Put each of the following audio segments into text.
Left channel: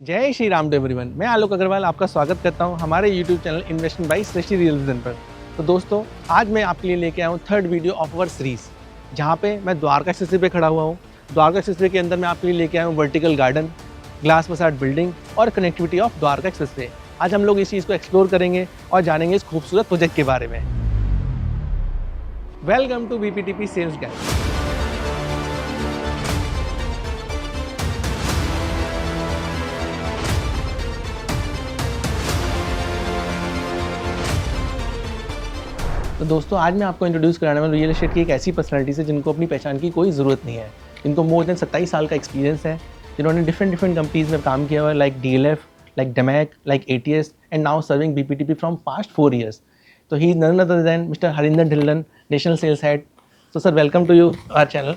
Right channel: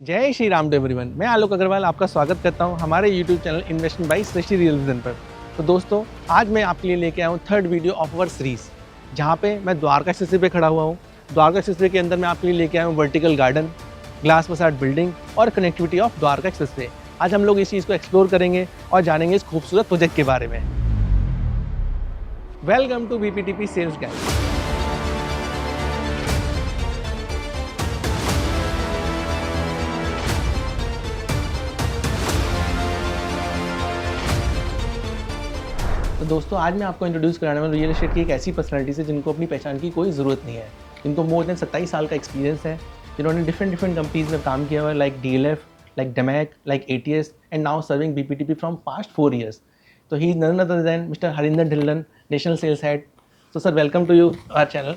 जय Shri Ram to everyone. मैं आलोक अग्रवाल आपका स्वागत करता हूं हमारे YouTube channel investment by Srishti real vision पर। तो दोस्तों, आज मैं आपके लिए लेके आया हूं third video of our series, जहां पे मैं द्वारका एक्सप्रेसवे पे खड़ा हुआ हूं। द्वारका एक्सप्रेसवे के अंदर मैं आपके लिए लेके आया हूं vertical garden, glass facade building और कनेक्टिविटी ऑफ द्वारका एक्सप्रेसवे। आज हम लोग इस चीज़ को एक्सप्लोर करेंगे और जानेंगे इस खूबसूरत प्रोजेक्ट के बारे में। Welcome to BPTP sales guide. तो दोस्तों, आज मैं आपको इंट्रोड्यूस कराने वाला रियल एस्टेट की एक ऐसी पर्सनैलिटी से जिनको अपनी पहचान की कोई ज़रूरत नहीं है, जिनको मोर देन 27 साल का एक्सपीरियंस है, जिन्होंने डिफरेंट कंपनीज में काम किया हुआ है, लाइक DLF, लाइक डेमैक, like ATS and now serving BPTP from past 4 years। तो he is none other than Mister Harinder Dhillon, national sales head. तो sir, welcome to you our channel.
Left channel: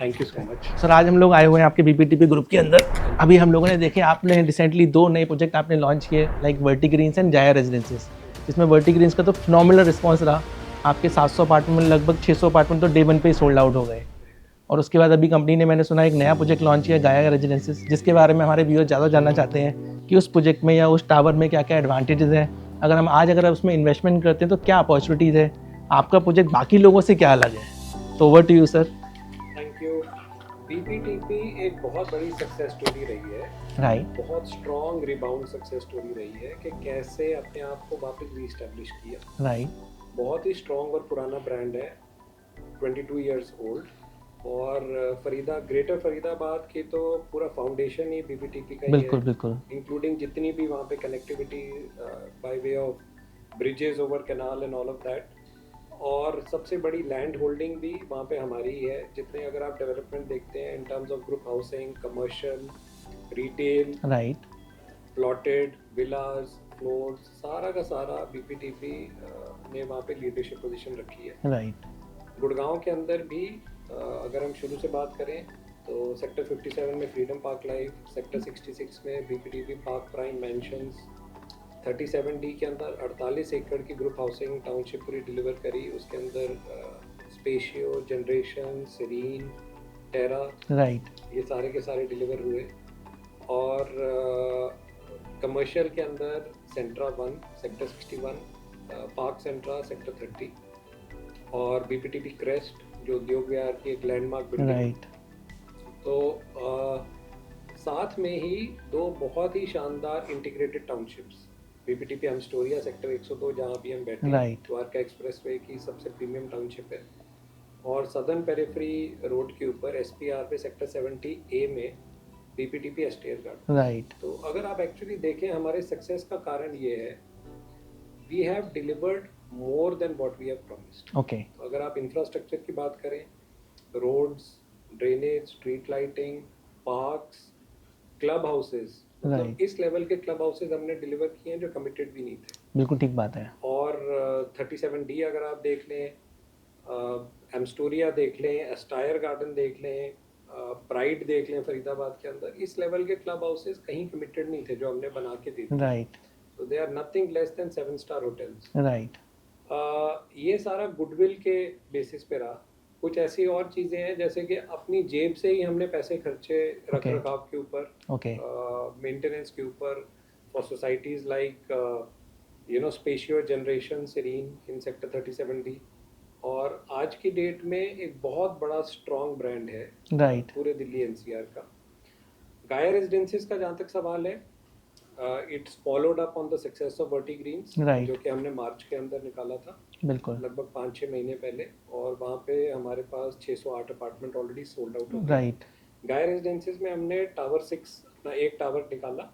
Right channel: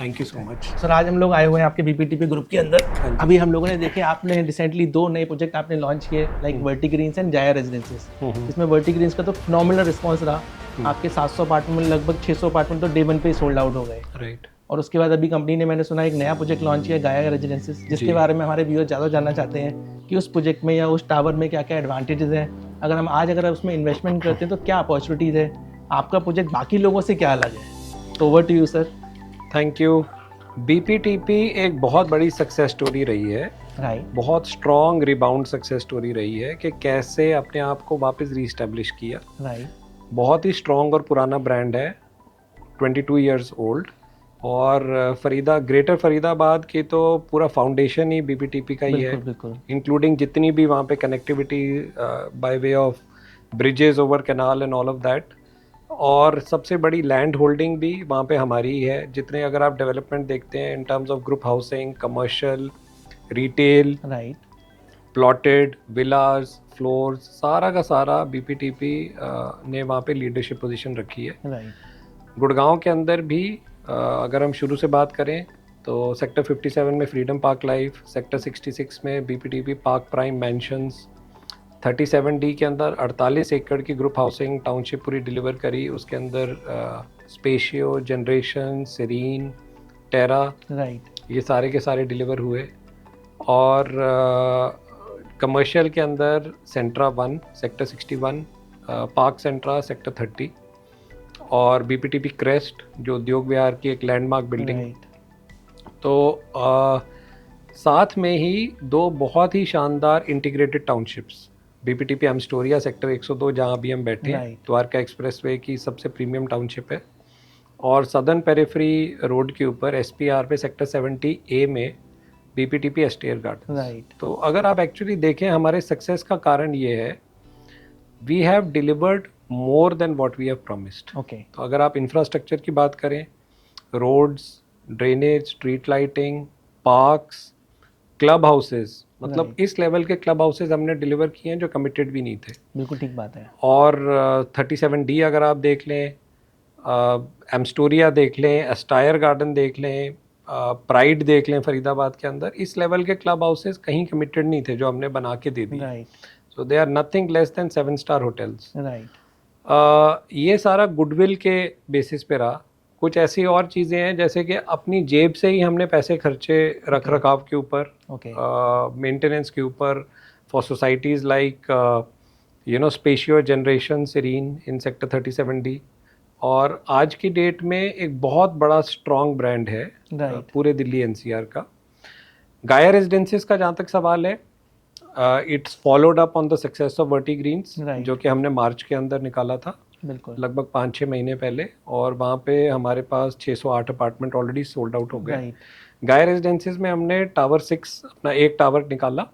Thank you so much. Sir, आज हम लोग आए हुए हैं आपके BPTP ग्रुप के अंदर। अभी हम लोगों ने देखे, आपने रिसेंटली 2 नए प्रोजेक्ट आपने लॉन्च किए, लाइक वर्टी ग्रीन्स एंड जाया रेजिडेंसेस, जिसमें वर्टी ग्रीन्स का तो फिनोमिनल रिस्पांस रहा। आपके 700 अपार्टमेंट में लगभग 600 अपार्टमेंट तो डे 1 पे ही सोल्ड आउट हो गए। राइट। और उसके बाद अभी कंपनी ने, मैंने सुना, एक नया प्रोजेक्ट लॉन्च किया, गाया रेजिडेंसेस, जिसके बारे में हमारे व्यूअर ज़्यादा जानना चाहते हैं कि उस प्रोजेक्ट में या उस टावर में क्या क्या एडवांटेजेस हैं। अगर उसमें इन्वेस्टमेंट करते हैं तो क्या अपॉर्चुनिटीज़ है, आपका प्रोजेक्ट बाकी लोगों से क्या अलग है। तो over to you sir. Thank you. BPTP एक बहुत बड़ी सक्सेस स्टोरी रही है। राइट। बहुत स्ट्रॉन्ग रिबाउंड सक्सेस स्टोरी रही है कि कैसे अपने आप को वापस रीस्टैब्लिश किया। राइट। बहुत ही स्ट्रॉन्ग और पुराना ब्रांड है, 22 इयर्स ओल्ड। और ग्रेटर फरीदाबाद की तो पूरा फाउंडेशन ही BPTP का ही है। बिल्कुल बिल्कुल। इंक्लूडिंग जितनी भी वहाँ पे connectivity by way of bridges over canal and all of that. और सबसे बड़ी लैंड होल्डिंग भी वहाँ पे हमारी ही है। जितने अगर आप डेवलपमेंट देखते हैं in terms of group housing, commercial, retail, right. Plotted, villas, floors, सारा का सारा BPTP ने वहाँ पे लीडरशिप पोजीशन रखी है। राइट। गुड़गांव के अंदर भी अगर हम शुरू से बात करें तो सेक्टर 57 में फ्रीडम पार्क लाइफ, सेक्टर 66 में BPTP park prime mansions, 37D के अंदर 48 एकड़ की ग्रुप हाउसिंग टाउनशिप पूरी डिलीवर करी। उसके अंदर स्पेशियो, जनरेशन, सेरीन, टेरा, राइट। ये सारे के सारे डिलीवर हुए। और कमर्शियल के अंदर सेंट्रा 1 सेक्टर 61, पार्क सेंट्रा सेक्टर 30 और BPTP क्रेस्ट जो उद्योग विहार की एक लैंडमार्क बिल्डिंग। राइट। तो साथ में ही 2 बहुत ही शानदार इंटीग्रेटेड टाउनशिप्स, BPTP एमस्टोरिया सेक्टर 102 जहाँ अभी हम बैठे हैं, द्वारका एक्सप्रेसवे की सबसे प्रीमियम टाउनशिप है। और सदर्न पेरिफेरी रोड के ऊपर SPR पे सेक्टर 70A में BPTP एस्टेयर गार्डन। राइट। तो अगर आप एक्चुअली देखें, हमारे सक्सेस का कारण ये है, we have delivered more than what we have promised. Okay. तो अगर आप इंफ्रास्ट्रक्चर की बात करें, roads, drainage, street lighting, parks, club houses, मतलब इस लेवल के क्लब हाउसेस हमने डिलीवर किए हैं जो कमिटेड भी नहीं थे। बिल्कुल ठीक बात है। और 37D अगर आप देख लें, एमस्टोरिया देख लें, एस्टायर गार्डन देख लें, प्राइड देख लें फरीदाबाद के अंदर, इस लेवल के क्लब हाउसेस कहीं कमिटेड नहीं थे जो हमने बना के दे दिए। Right. So they are nothing less than 7 star hotels. Right. ये सारा गुडविल के बेसिस पे रहा। कुछ ऐसी और चीज़ें हैं जैसे कि अपनी जेब से ही हमने पैसे खर्चे रख रखाव के ऊपर, मेंटेनेंस के ऊपर, for societies like Spazio, generation, Serene in sector 37D। और आज की डेट में एक बहुत बड़ा स्ट्रॉन्ग ब्रांड है पूरे दिल्ली NCR का। गाया रेजिडेंसेस का जहाँ तक सवाल है, it's followed up on the success of Verti Greens, जो कि हमने मार्च के अंदर निकाला था, बिल्कुल लगभग 5-6 महीने पहले। और वहाँ पे हमारे पास 608 अपार्टमेंट ऑलरेडी सोल्ड आउट हो गए। गाया रेजिडेंसेस में हमने टावर 6 अपना एक टावर निकाला।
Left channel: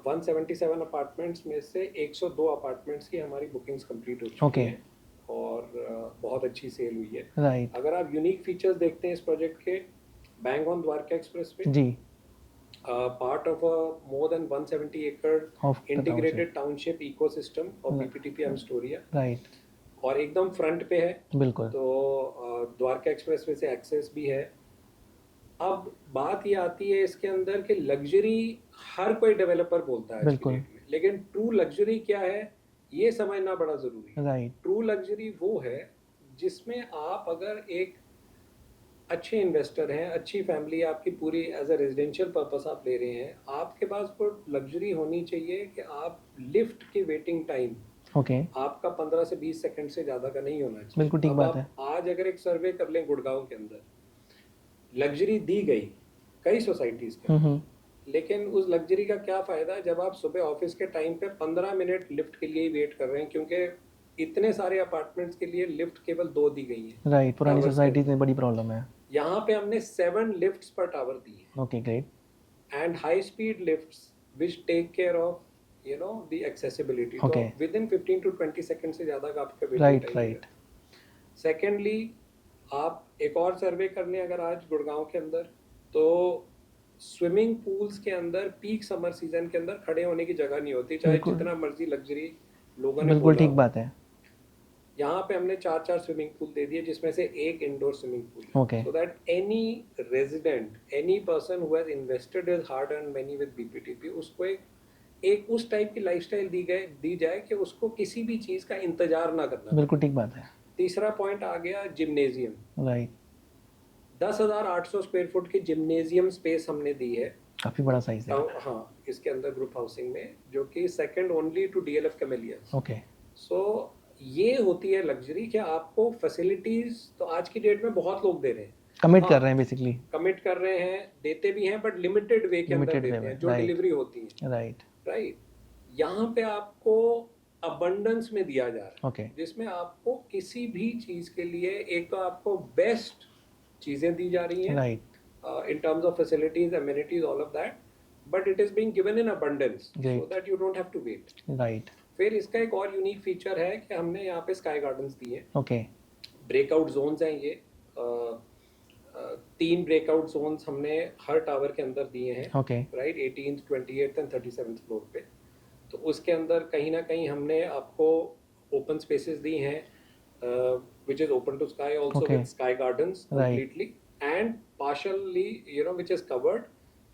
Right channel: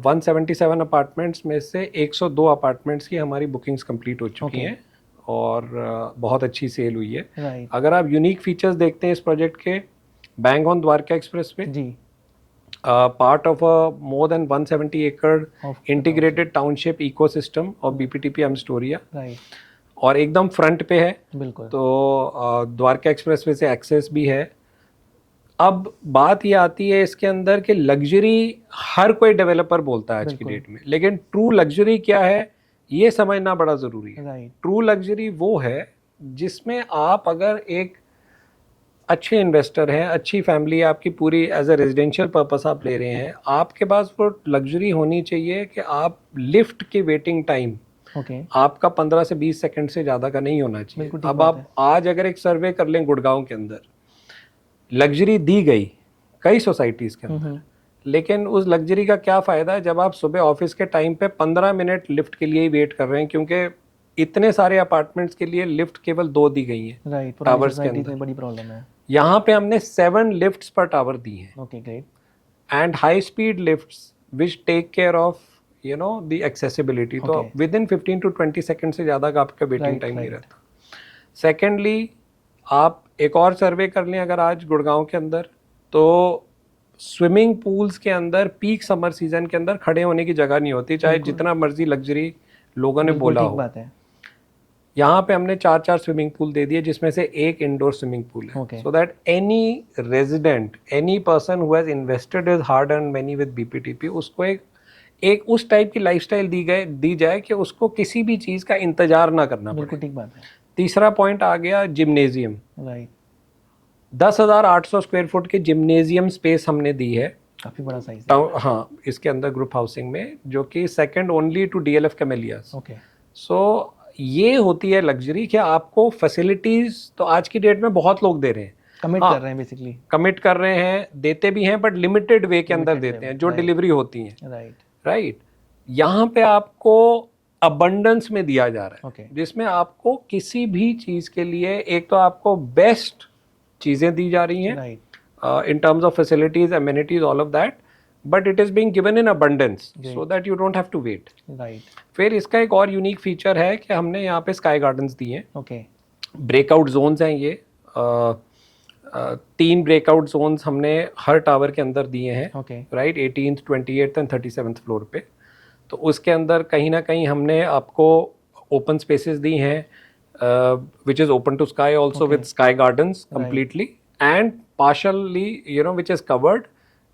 177 अपार्टमेंट्स में से 102 अपार्टमेंट्स की हमारी बुकिंग्स कंप्लीट हो चुकी हैं और बहुत अच्छी सेल हुई है। अगर आप यूनिक फीचर्स देखते हैं इस प्रोजेक्ट के, बैंग ऑन द्वारका एक्सप्रेस पे जी, part of a more than 170 acre integrated township ecosystem of BPTP Amstoria. Right. और एकदम फ्रंट पे है। बिल्कुल। तो द्वारका एक्सप्रेसवे से एक्सेस भी है। अब बात ये आती है इसके अंदर कि लग्जरी हर कोई डेवलपर बोलता है आज की डेट में, लेकिन ट्रू लग्जरी क्या है ये समझना बड़ा ज़रूरी है। ट्रू लग्जरी वो है जिसमें आप अगर एक अच्छे इन्वेस्टर हैं, अच्छी फैमिली है आपकी पूरी, एज ए रेजिडेंशियल पर्पस आप ले रहे हैं, आपके पास वो लग्जरी होनी चाहिए कि आप लिफ्ट की वेटिंग टाइम आपका 15 से 20 सेकंड से ज़्यादा का नहीं होना चाहिए। अब आप आज अगर एक सर्वे कर लें गुड़गांव के अंदर, लग्जरी दी गई कई सोसाइटीज़ के अंदर, लेकिन उस लग्जरी का क्या फ़ायदा है जब आप सुबह ऑफिस के टाइम पे 15 मिनट लिफ्ट के लिए ही वेट कर रहे हैं, क्योंकि इतने सारे अपार्टमेंट्स के लिए लिफ्ट केवल 2 दी गई है। राइट, पुरानी सोसाइटी में बड़ी प्रॉब्लम है। यहाँ पे हमने 7 लिफ्ट्स पर टावर दी हैं। Okay, great. And high speed lifts which take care of you know the accessibility. तो विद इन 15 to 20 सेकंड से ज़्यादा का आपका वेटिंग टाइम नहीं रहता। सेकेंडली, आप एक और सर्वे कर लें अगर आज गुड़गांव के अंदर, तो स्विमिंग पूल्स के अंदर पीक समर सीजन के अंदर खड़े होने की जगह नहीं होती, चाहे जितना मर्जी लग्जरी लोगों ने बोला हो। ठीक बात है। यहाँ पे हमने 4 स्विमिंग पूल दे दिए, जिसमें से एक इंडोर स्विमिंग पूल है, so that any resident, any person who has invested his hard earned money with BPTP, उसको एक उस टाइप की लाइफस्टाइल दी जाए कि उसको किसी भी चीज का इंतजार ना करना। बिल्कुल ठीक बात है। तीसरा पॉइंट आ गया जिम्नेजियम। राइट, 10,800 स्क्वायर फुट की जिम्नेजियम स्पेस हमने दी है, काफी बड़ा साइज है। हाँ, इसके अंदर ग्रुप हाउसिंग में, जो कि second only to DLF Camellias. Okay, so ये होती है लग्जरी कि आपको फैसिलिटीज तो आज की डेट में बहुत लोग दे रहे हैं, कमिट कर रहे हैं, बेसिकली कमिट कर रहे हैं, देते भी हैं, बट लिमिटेड वे के अंदर देते हैं, जो डिलीवरी होती है। राइट, यहाँ पे आपको अबंडेंस में दिया जा रहा है, जिसमें आपको किसी भी चीज के लिए एक तो आपको बेस्ट चीजें दी जा रही हैं in terms of facilities, amenities, all of that, but it is being given in abundance so that you don't have to wait. Right. फिर इसका एक और यूनिक फीचर है कि हमने यहाँ पे स्काई गार्डन्स दिए हैं। ब्रेकआउट जोन्स हैं ये, 3 ब्रेकआउट जोन्स हमने हर टावर के अंदर दिए हैं। Right, 18th, 28th and 37th floor पे। तो उसके अंदर कहीं ना कहीं हमने आपको ओपन स्पेसेस दी हैं, which is open to sky also, with sky gardens completely and partially which is covered।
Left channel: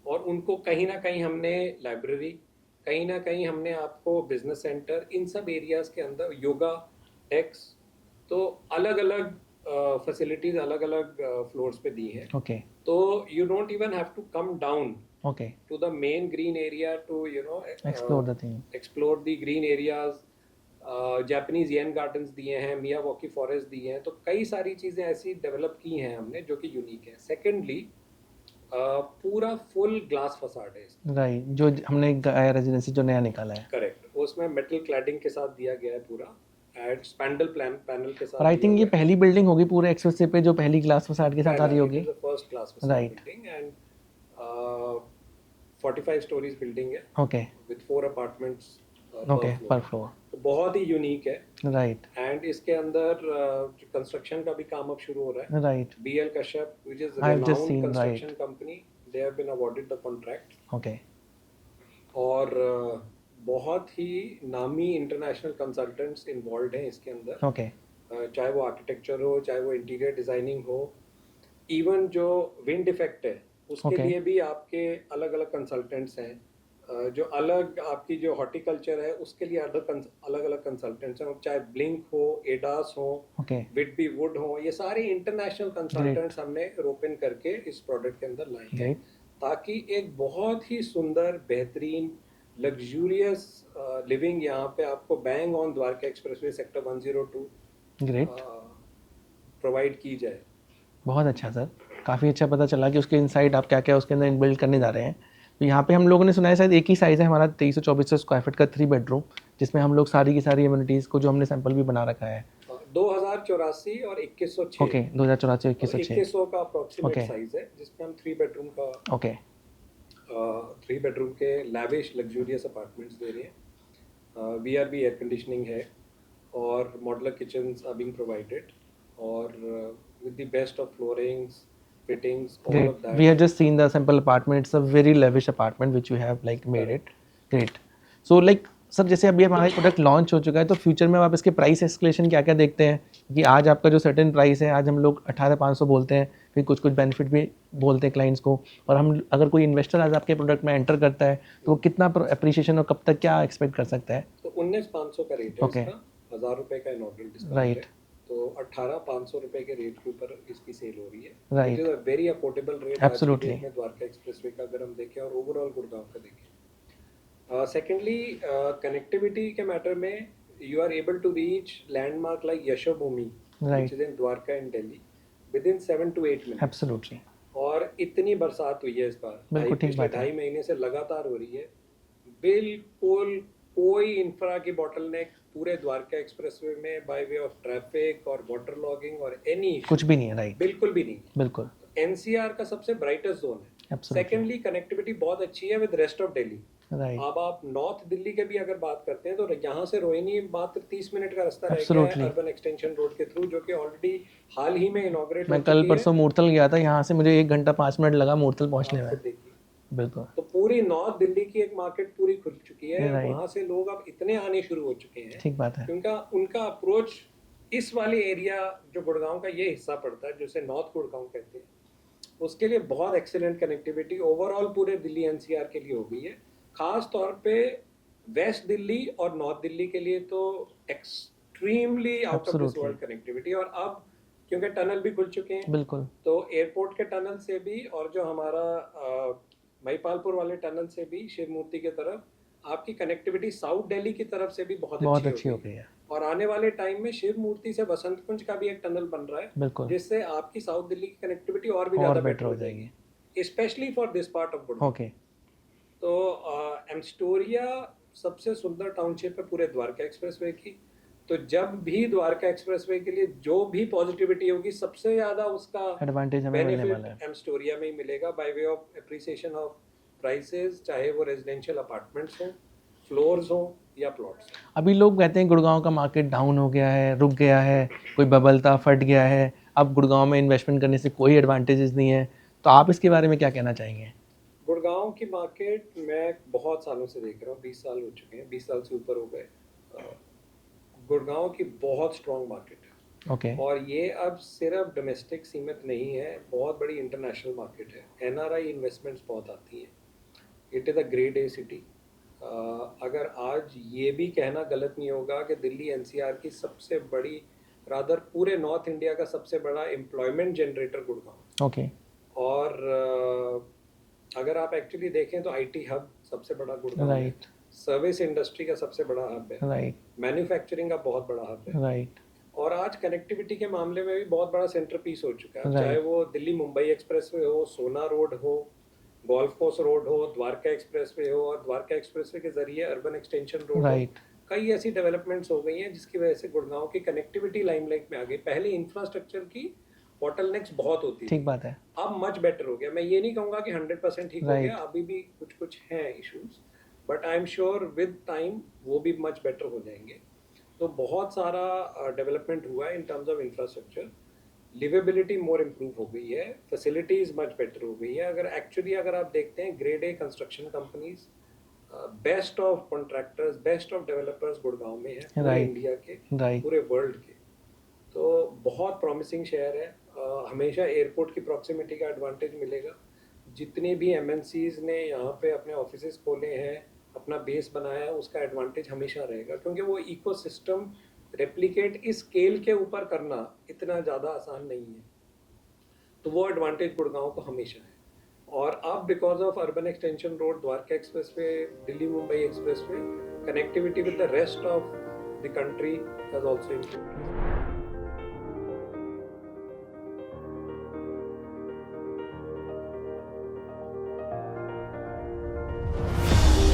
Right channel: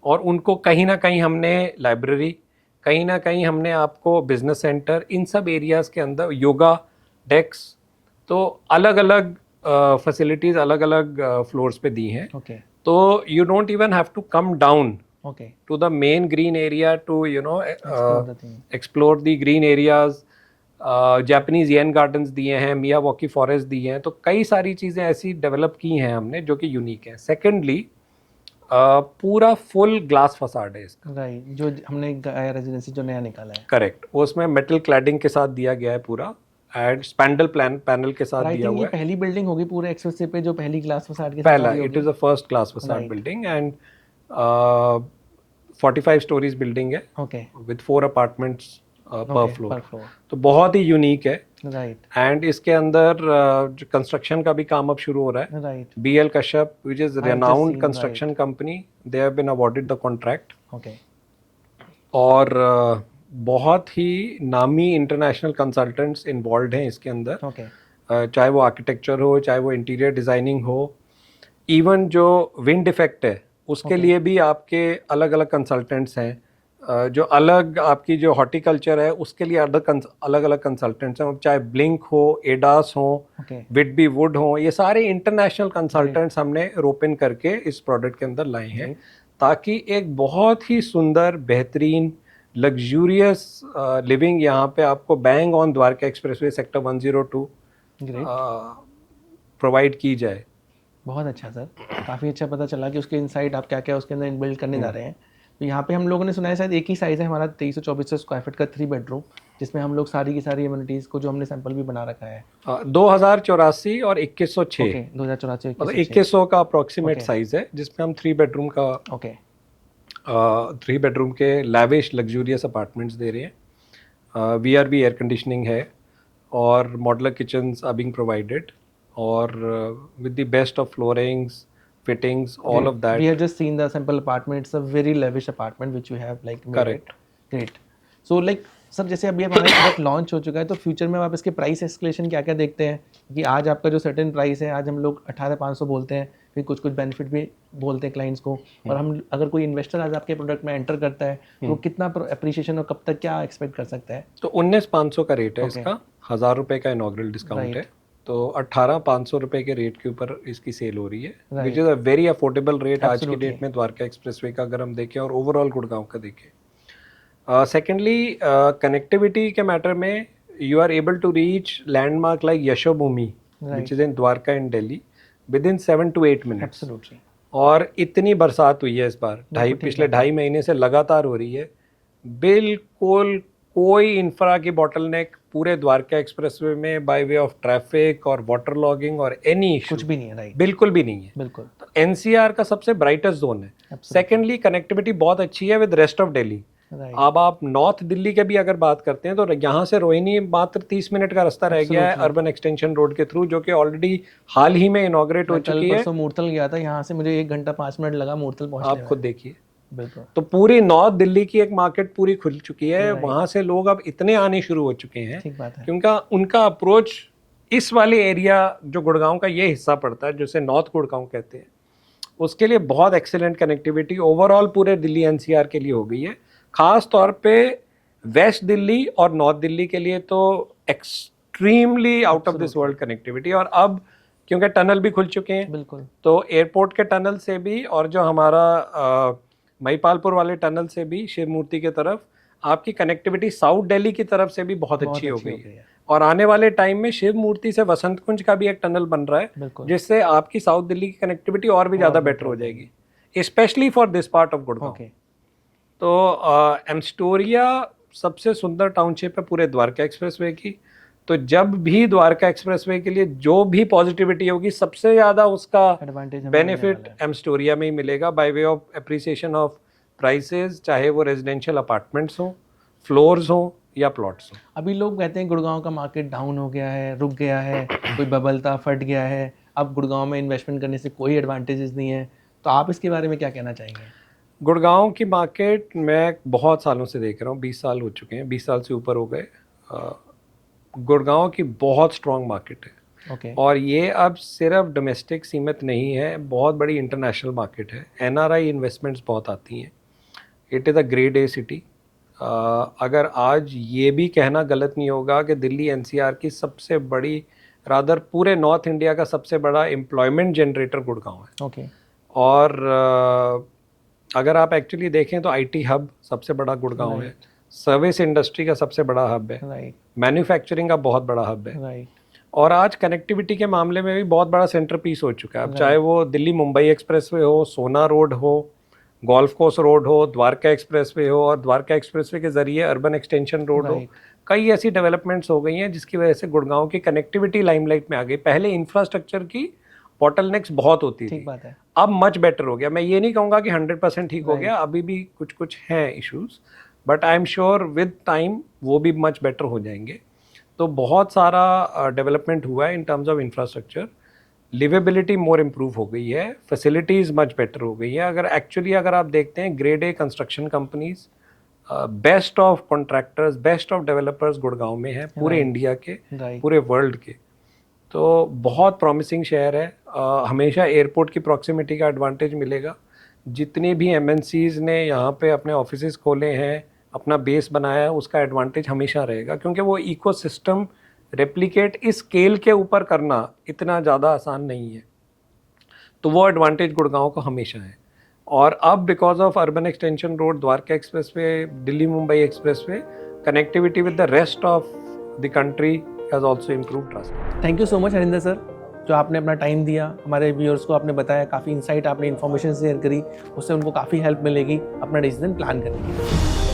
और उनको कहीं ना कहीं हमने लाइब्रेरी, कहीं ना कहीं हमने आपको बिजनेस सेंटर, इन सब एरियाज के अंदर योगा डेस्क, तो अलग अलग फैसिलिटीज अलग अलग फ्लोर्स पे दी हैं। तो you don't even have to come down to the main green area to explore the green areas। Japanese yen gardens दिए हैं, मियावाकी फॉरेस्ट दिए हैं, तो कई सारी चीज़ें ऐसी डेवलप की हैं हमने जो कि यूनिक है। सेकेंडली, पूरा फुल ग्लास फसाड है इसका। राइट, जो हमने रेजिडेंसी जो नया निकाला है। करेक्ट, उसमें मेटल क्लैडिंग के साथ दिया गया है पूरा, एंड स्पैंडल पैनल के साथ। आई थिंक ये पहली बिल्डिंग होगी पूरे एक्सप्रेसवे पे जो पहली ग्लास फसाड के साथ आ रही होगी। It is the first glass facade building and 45 stories building है, विद 4 अपार्टमेंट्स पर फ्लोर। तो बहुत ही यूनिक है। राइट, एंड इसके अंदर कंस्ट्रक्शन का भी काम अब शुरू हो रहा है। Right, BL Kashyap, which is renowned construction company, they have been awarded the contract. और बहुत ही नामी इंटरनेशनल कंसल्टेंट्स इन्वॉल्व हैं इसके अंदर। चाहे वो आर्किटेक्चर हो, चाहे वो इंटीरियर डिजाइनिंग हो, इवन जो विंड इफेक्ट है उसके लिए भी आपके अलग अलग कंसल्टेंट्स हैं। जो अलग आपकी जो हॉर्टिकल्चर है उसके लिए अलग अलग कंसल्टेंट्स हैं, चाहे ब्लिंक हो, एडास हो, विटबी वुड हो, ये सारे इंटरनेशनल कंसल्टेंट्स हमने रोपिन करके इस प्रोडक्ट के अंदर लाए हैं, ताकि एक बहुत ही सुंदर, बेहतरीन, लग्जूरियस लिविंग यहाँ पे आपको bang on Dwarka expressway sector 102 provide की जाए। बहुत अच्छा सर, काफ़ी अच्छा पता चला कि उसके इनसाइड आप क्या क्या उसके अंदर इनबिल्ड करने जा रहे हैं। तो यहाँ पे हम लोगों ने सुना है शायद एक ही साइज़ है हमारा 2324 स्क्वायर फीट का 3 बेडरूम, जिसमें हम लोग सारी की सारी एमिनिटीज़ को जो हमने सैंपल भी बना रखा है। 2084 और 2106। 2084 2100 का अप्रोक्सीमेट साइज है, जिसमें हम 3 बेडरूम का 3 बेडरूम के लैविश लग्जूरियस अपार्टमेंट्स दे रहे हैं। VRB एयर कंडीशनिंग है और modular kitchens are being provided, और with the best of floorings, fittings, all of that. We have just seen the sample apartment. It's a very lavish apartment which you have like made it. Great. So like sir, जैसे अभी हमारा product launch हो चुका है, तो future में आप इसके प्राइस एस्केलेशन क्या क्या देखते हैं कि आज आपका जो सर्टेन प्राइस है, आज हम लोग 18,500 बोलते हैं, फिर कुछ बेनिफिट भी बोलते हैं क्लाइंट्स को, और हम अगर कोई इन्वेस्टर आज आपके प्रोडक्ट में एंटर करता है तो वो कितना अप्रिशिएशन और कब तक क्या एक्सपेक्ट कर सकता है? तो 19,500 का रेट है इसका, 1,000 रुपये का इनॉग्रल डिस्काउंट है। तो 18,500 रुपए के रेट के ऊपर इसकी सेल हो रही है, Right. Which is a very affordable rate आज की Absolutely. डेट में द्वारका एक्सप्रेसवे का अगर हम देखें और ओवरऑल गुड़गांव का देखें। सेकेंडली कनेक्टिविटी के मैटर में you are able to reach landmark like Yashobhumi which is in Dwarka in Delhi within 7 to 8 minutes। Absolutely. और इतनी बरसात हुई है इस बार, पिछले 2.5 महीने से लगातार हो रही है, बिल्कुल कोई इंफ्रा की बॉटलनेक पूरे द्वारका एक्सप्रेसवे में बाय वे ऑफ ट्रैफिक और वाटर लॉगिंग और एनी इशू कुछ भी नहीं है। राइट, बिल्कुल भी नहीं है। बिल्कुल। एनसीआर का सबसे ब्राइटेस्ट जोन है। सेकेंडली कनेक्टिविटी बहुत अच्छी है विद रेस्ट ऑफ दिल्ली। अब आप नॉर्थ दिल्ली के भी अगर बात करते हैं तो यहाँ से रोहिणी मात्र 30 मिनट का रास्ता रह गया है अर्बन एक्सटेंशन रोड के थ्रू, जो कि ऑलरेडी हाल ही में इनॉग्रेट हो चुकी है। कल परसों मूर्तल गया था, यहाँ से मुझे 1 घंटा 5 मिनट लगा मूर्तल पहुँचने में। आप खुद देखिए। बिल्कुल। तो पूरी नॉर्थ दिल्ली की एक मार्केट पूरी खुल चुकी है, वहां से लोग अब इतने आने शुरू हो चुके हैं। ठीक बात है। क्योंकि उनका अप्रोच इस वाले एरिया जो गुड़गांव का ये हिस्सा पड़ता है, जिसे नॉर्थ गुड़गांव कहते हैं, उसके लिए बहुत एक्सीलेंट कनेक्टिविटी ओवरऑल पूरे दिल्ली एनसीआर के लिए हो गई है। खास तौर पे वेस्ट दिल्ली और नॉर्थ दिल्ली के लिए तो extremely out of this world connectivity. और अब क्योंकि टनल भी खुल चुके हैं, बिल्कुल, तो एयरपोर्ट के टनल से भी और जो हमारा महिपालपुर वाले टनल से भी शिव मूर्ति की तरफ आपकी कनेक्टिविटी साउथ दिल्ली की तरफ से भी बहुत अच्छी हो गई है। और आने वाले टाइम में शिव मूर्ति से वसंत कुंज का भी एक टनल बन रहा है, जिससे आपकी साउथ दिल्ली की कनेक्टिविटी और भी ज़्यादा बेटर हो जाएगी, specially for this part of Gurgaon. तो एम्स्टोरिया सबसे सुंदर टाउनशिप है पूरे द्वारका एक्सप्रेसवे की। तो जब भी द्वारका एक्सप्रेसवे के लिए जो भी पॉजिटिविटी होगी, सबसे ज़्यादा उसका बेनिफिट एम्स्टोरिया में ही मिलेगा by way of appreciation of prices, चाहे वो रेजिडेंशियल अपार्टमेंट्स हो, फ्लोर्स हो या प्लॉट्स हो। अभी लोग कहते हैं गुड़गांव का मार्केट डाउन हो गया है, रुक गया है, कोई बबल था फट गया है, अब गुड़गांव में इन्वेस्टमेंट करने से कोई एडवांटेजेस नहीं है, तो आप इसके बारे में क्या कहना चाहेंगे? गुड़गांव की मार्केट मैं बहुत सालों से देख रहा हूँ, 20 साल हो चुके हैं, 20 साल से ऊपर हो गए। गुड़गांव की बहुत स्ट्रॉन्ग मार्केट है। और ये अब सिर्फ डोमेस्टिक सीमित नहीं है, बहुत बड़ी इंटरनेशनल मार्केट है। एनआरआई इन्वेस्टमेंट्स बहुत आती हैं। It is a grade A city. अगर आज ये भी कहना गलत नहीं होगा कि दिल्ली एनसीआर की सबसे बड़ी, रादर पूरे नॉर्थ इंडिया का सबसे बड़ा एम्प्लॉयमेंट जनरेटर गुड़गांव है। और अगर आप एक्चुअली देखें तो आईटी हब सबसे बड़ा गुड़गांव है, सर्विस इंडस्ट्री का सबसे बड़ा हब है, मैन्युफैक्चरिंग का बहुत बड़ा हब है। और आज कनेक्टिविटी के मामले में भी बहुत बड़ा सेंटर पीस हो चुका है। अब चाहे वो दिल्ली मुंबई एक्सप्रेसवे हो, सोना रोड हो, गोल्फ कोर्स रोड हो, द्वारका एक्सप्रेसवे हो, और द्वारका एक्सप्रेसवे के जरिए अर्बन एक्सटेंशन रोड हो, कई ऐसी डेवलपमेंट्स हो गई हैं जिसकी वजह से गुड़गांव की कनेक्टिविटी लाइमलाइट में आ गई। पहले इंफ्रास्ट्रक्चर की बॉटलनेक्स बहुत होती थी, ठीक बात है, अब मच बेटर हो गया। मैं ये नहीं कहूँगा कि 100% ठीक हो गया, अभी भी कुछ कुछ हैं issues, but I am sure with time वो भी मच बेटर हो जाएंगे। तो बहुत सारा डेवलपमेंट हुआ है इन terms of infrastructure. Liveability more improve हो गई है, फैसिलिटीज़ मच बेटर हो गई है। अगर आप देखते हैं grade A construction companies, best of contractors, best of developers Gurgaon में है, पूरे इंडिया के, पूरे वर्ल्ड के। तो बहुत प्रॉमिसिंग शहर है। हमेशा एयरपोर्ट की प्रॉक्सिमिटी का एडवांटेज मिलेगा। जितनी भी एमएनसीज ने यहाँ पे अपने ऑफिसेज खोले हैं, अपना बेस बनाया है, उसका एडवांटेज हमेशा रहेगा, क्योंकि वो इकोसिस्टम रेप्लिकेट इस स्केल के ऊपर करना इतना ज़्यादा आसान नहीं है। तो वो एडवांटेज गुड़गांव को हमेशा है। और अब because of urban extension road, Dwarka expressway, Delhi Mumbai expressway, connectivity with the rest of the country has also improved drastically. Thank you so much Harinder sir, जो आपने अपना टाइम दिया, हमारे व्यूअर्स को आपने बताया, काफ़ी इंसाइट आपने इन्फॉर्मेशन शेयर करी, उससे उनको काफ़ी हेल्प मिलेगी अपना डिसीजन प्लान करने में।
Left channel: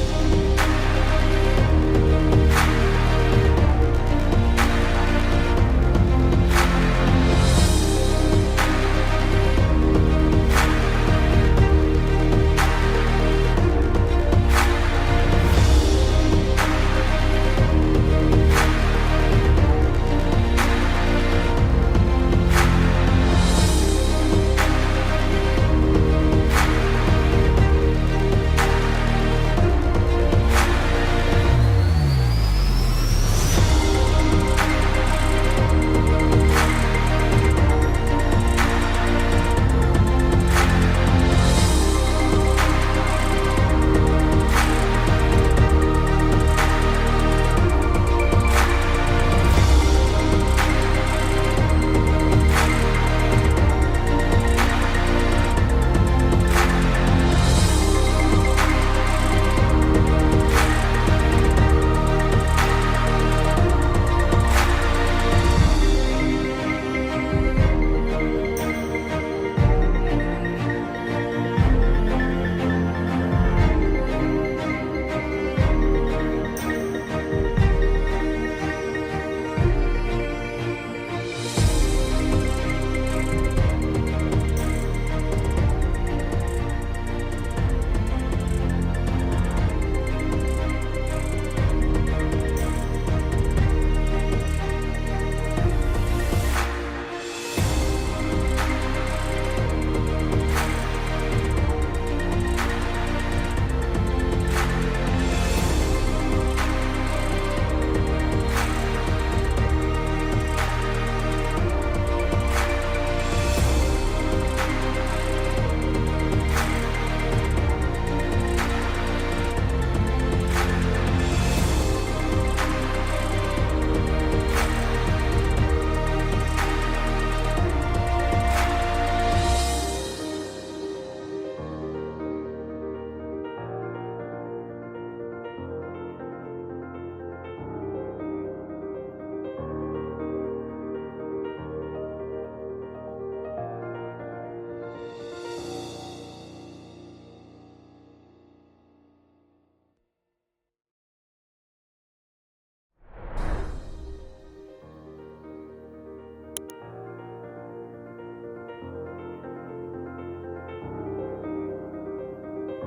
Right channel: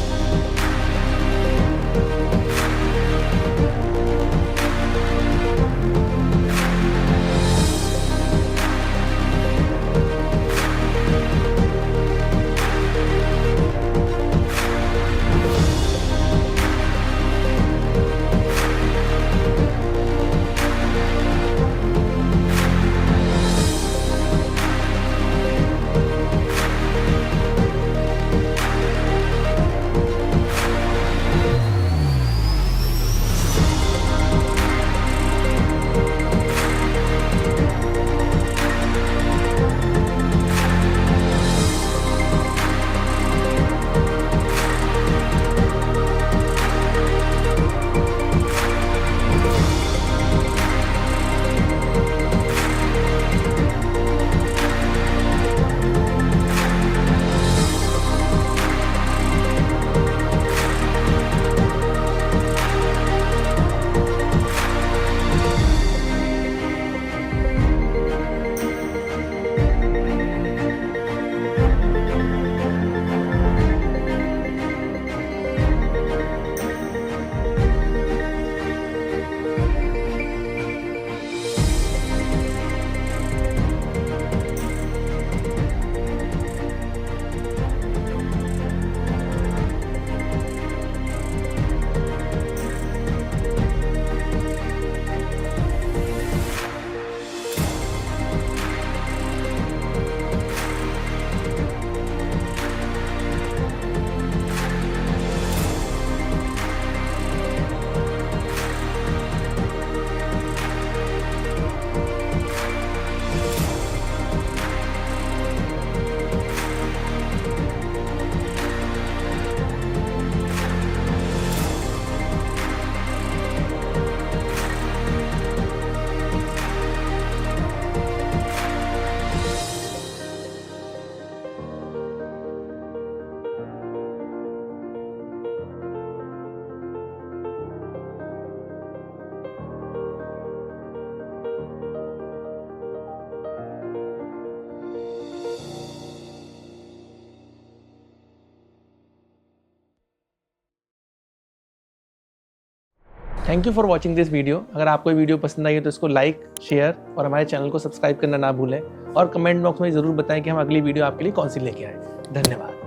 Thank you for watching this video. अगर आपको ये वीडियो पसंद आई है तो इसको लाइक, शेयर और हमारे चैनल को सब्सक्राइब करना ना भूलें और कमेंट बॉक्स में ज़रूर बताएं कि हम अगली वीडियो आपके लिए कौन सी लेके आए। धन्यवाद।